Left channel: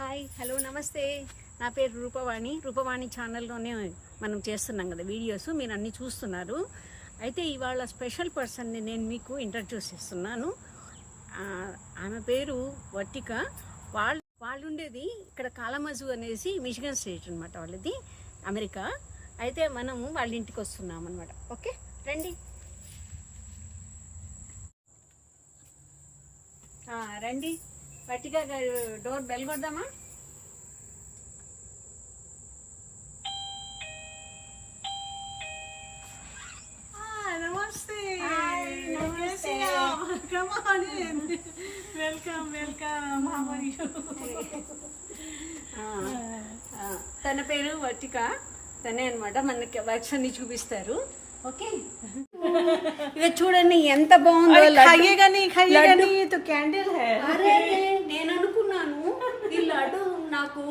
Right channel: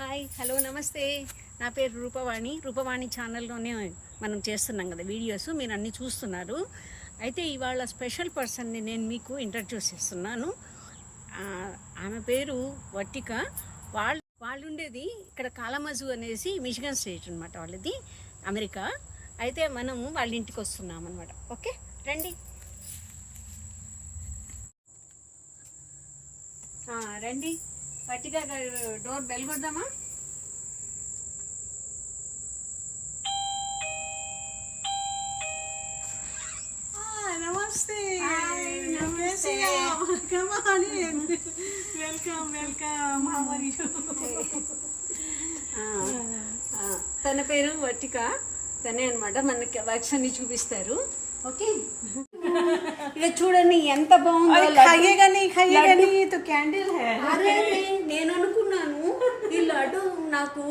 Hi hello నమస్తే. నా పేరు రూపవాణి ఛానల్లోనే మనం చేస్తున్నాం కదా వీడియోస్, మీరు అన్నీ చూస్తున్నారు. అయితే ఇవాళ స్పెషల్ పర్సన్ని నేను మీకు ఇంట్రడ్యూస్ చేస్తున్నాను. ఆమె పేరు వర్టిక. వాళ్ళు ఉండేది ఇక్కడ కాలమజు అనేసి మిచిగన్ స్టేట్ అనమాట, వాళ్ళది అమెరికా. అయితే మనము వాళ్ళ ఇంటికి వస్తున్నాం అనమాట. ఓకే రండి రండి. వర్టిక డోర్ బెల్ కొడదామా? నమస్తే. నమస్తే. వెల్కమ్. తన పేరు వర్టిక. తనే అనమాట మనకి వర్క్స్ అన్ని చూపిస్తారు. ఓకే ఇక చూడండి ఎంత బాగుందో. క్యాండిల్ అరే నేను అనుకున్నాను ఈ లడ్డు నాకు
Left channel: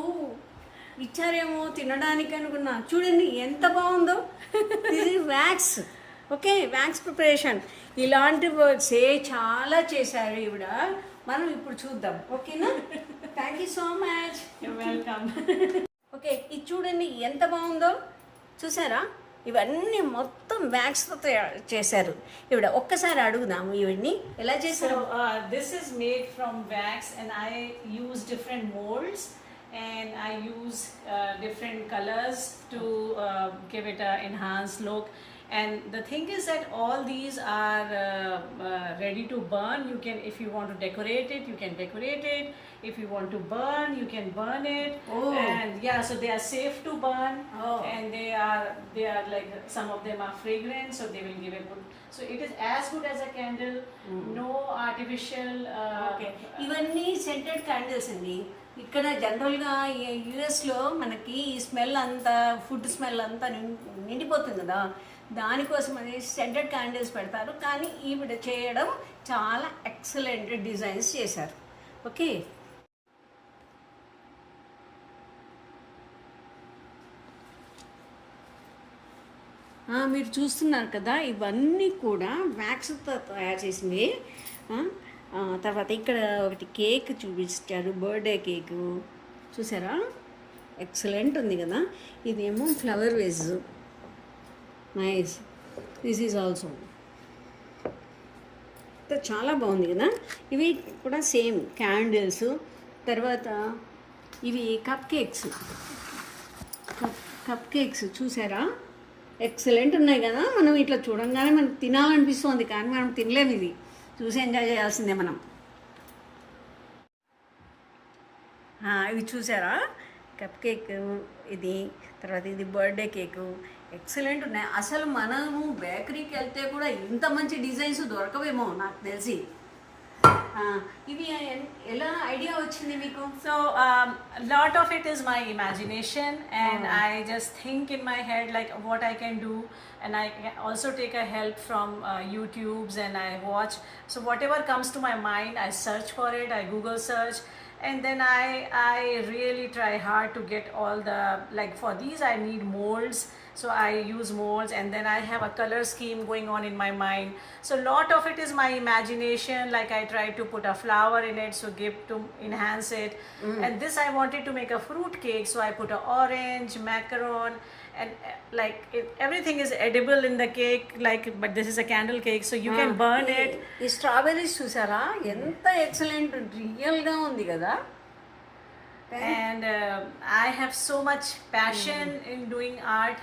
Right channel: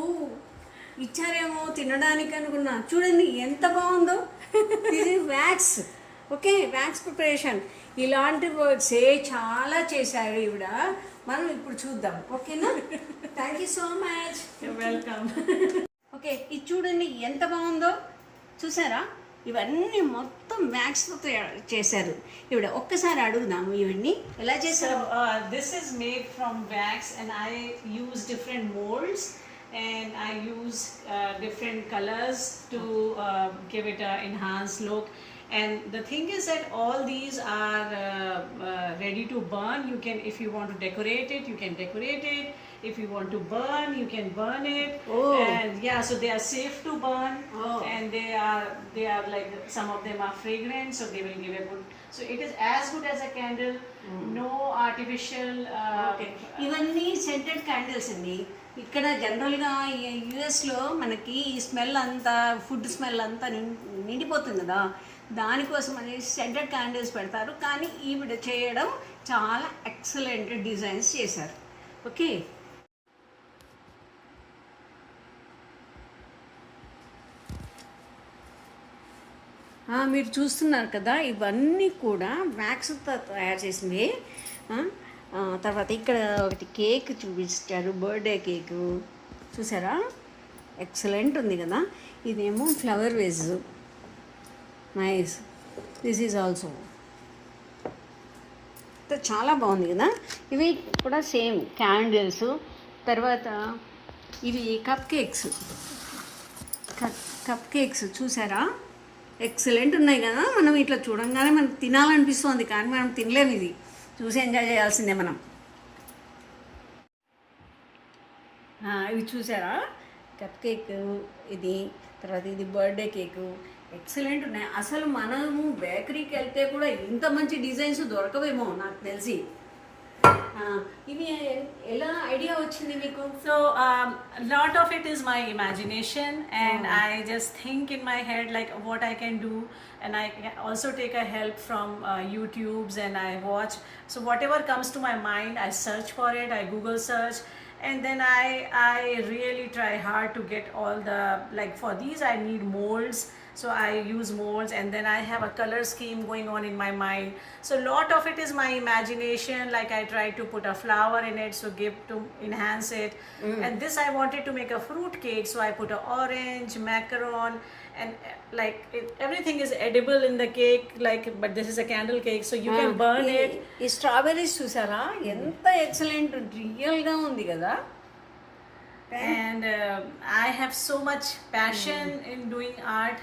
ఇచ్చారేమో తినడానికి అనుకున్నా. చూడండి ఎంత బాగుందో. ఇది వ్యాక్స్. Okay, wax preparation. ఇలాంటి వర్క్సే చాలా చేశారు ఈవిడ. మనం ఇప్పుడు చూద్దాం. ఓకేనా? Thank you so much. Welcome. Okay, ఇది చూడండి ఎంత బాగుందో. చూసారా? ఇవన్నీ మొత్తం వ్యాక్స్తో చేశారు ఈవిడ. ఒక్కసారి అడుగుదాము ఈవిడ్ని ఎలా చేశారు. This is made from wax and I use different molds and I use different colors to give it an enhanced look. And the thing is that all these are ready to burn. You can, if you want to decorate it, you can decorate it. If you want to burn, you can burn it. Oh. And yeah, so they are safe to burn. Oh. And they are like, some of them are fragrant, so they will give a good. So it is as good as a candle. No artificial. Okay, ఇవన్నీ scented candles అండి. ఇక్కడ జనరల్గా యుఎస్లో మనకి ఈ స్మెల్ అంతా, food smell అంతా నిండిపోతుంది కదా, దానికోసం అనేసి సెంటెడ్ క్యాండిల్స్ పెడతారు. కానీ ఈవిడ చేయడం చాలా ఎక్సలెంట్ డిజైన్స్ చేశారు. ఓకే, మీరు చూస్తున్నారు కదా, ఇవన్నీ కూడా వ్యాక్స్తో తయారు చేసింది. తర్వాత ఇక్కడ ఒకటి కేక్ చూపించారు, బర్త్డే కేకు. చూసారా? ఎక్సలెంట్ ఉంది కదా. ఇదేమో flower veg, nice. This is also చాలా బాగుంది కదా. ఇవి కూడా సేమ్ క్యాండిల్స్. తర్వాత ఇవి కప్ కేక్స్ చూసారా? ఎక్సలెంట్ ఉన్నాయి కదా. మనం ఇట్లా చూడంగానే మనకు తినాలనిపిస్తుంది, కానీ మనం తినలేము. ఇది చూసి ఎంజాయ్ చేయాల్సిందే మనం. ఇవి చూసారా? కప్ కేక్ ఇది, తర్వాత ఇది బర్త్డే కేకు. ఎక్సలెంట్ ఉన్నాయి. అసలు మనము బేకరీకి వెళ్తే కూడా ఇంత మంచి డిజైన్స్ దొరకవేమో నాకు తెలిసి. ఇవి ఎలా ఐడియా వచ్చింది మీకు? So a lot of it is my imagination, and I just think in my head like what I can do, and I also take a help from YouTubes, and I watch. So whatever comes to my mind, I search for it, I Google search, and then I really try hard to get all the, like for these I need molds. So I use molds, and then I have a color scheme going on in my mind. So a lot of it is my imagination. Like I try to put a flower in it, so give to enhance it. And this I wanted to make a fruit cake, so I put a orange, macaron, and like everything is edible in the cake. Like, but this is a candle cake, so you can burn it. ఈ స్ట్రాబెర్రీస్ చూసారా? ఎంత ఎక్సలెంట్, రియల్గా ఉంది కదా. And I have so much passion in doing art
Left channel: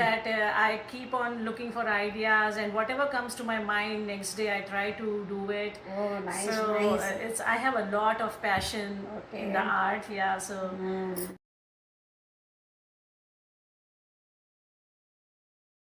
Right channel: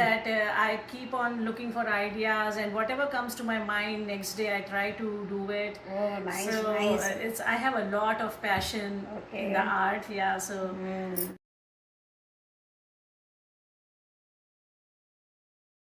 that I keep on looking for ideas, and whatever comes to my mind next day I try to do it. Oh, nice, so nice. I have a lot of passion in the art. Yeah, so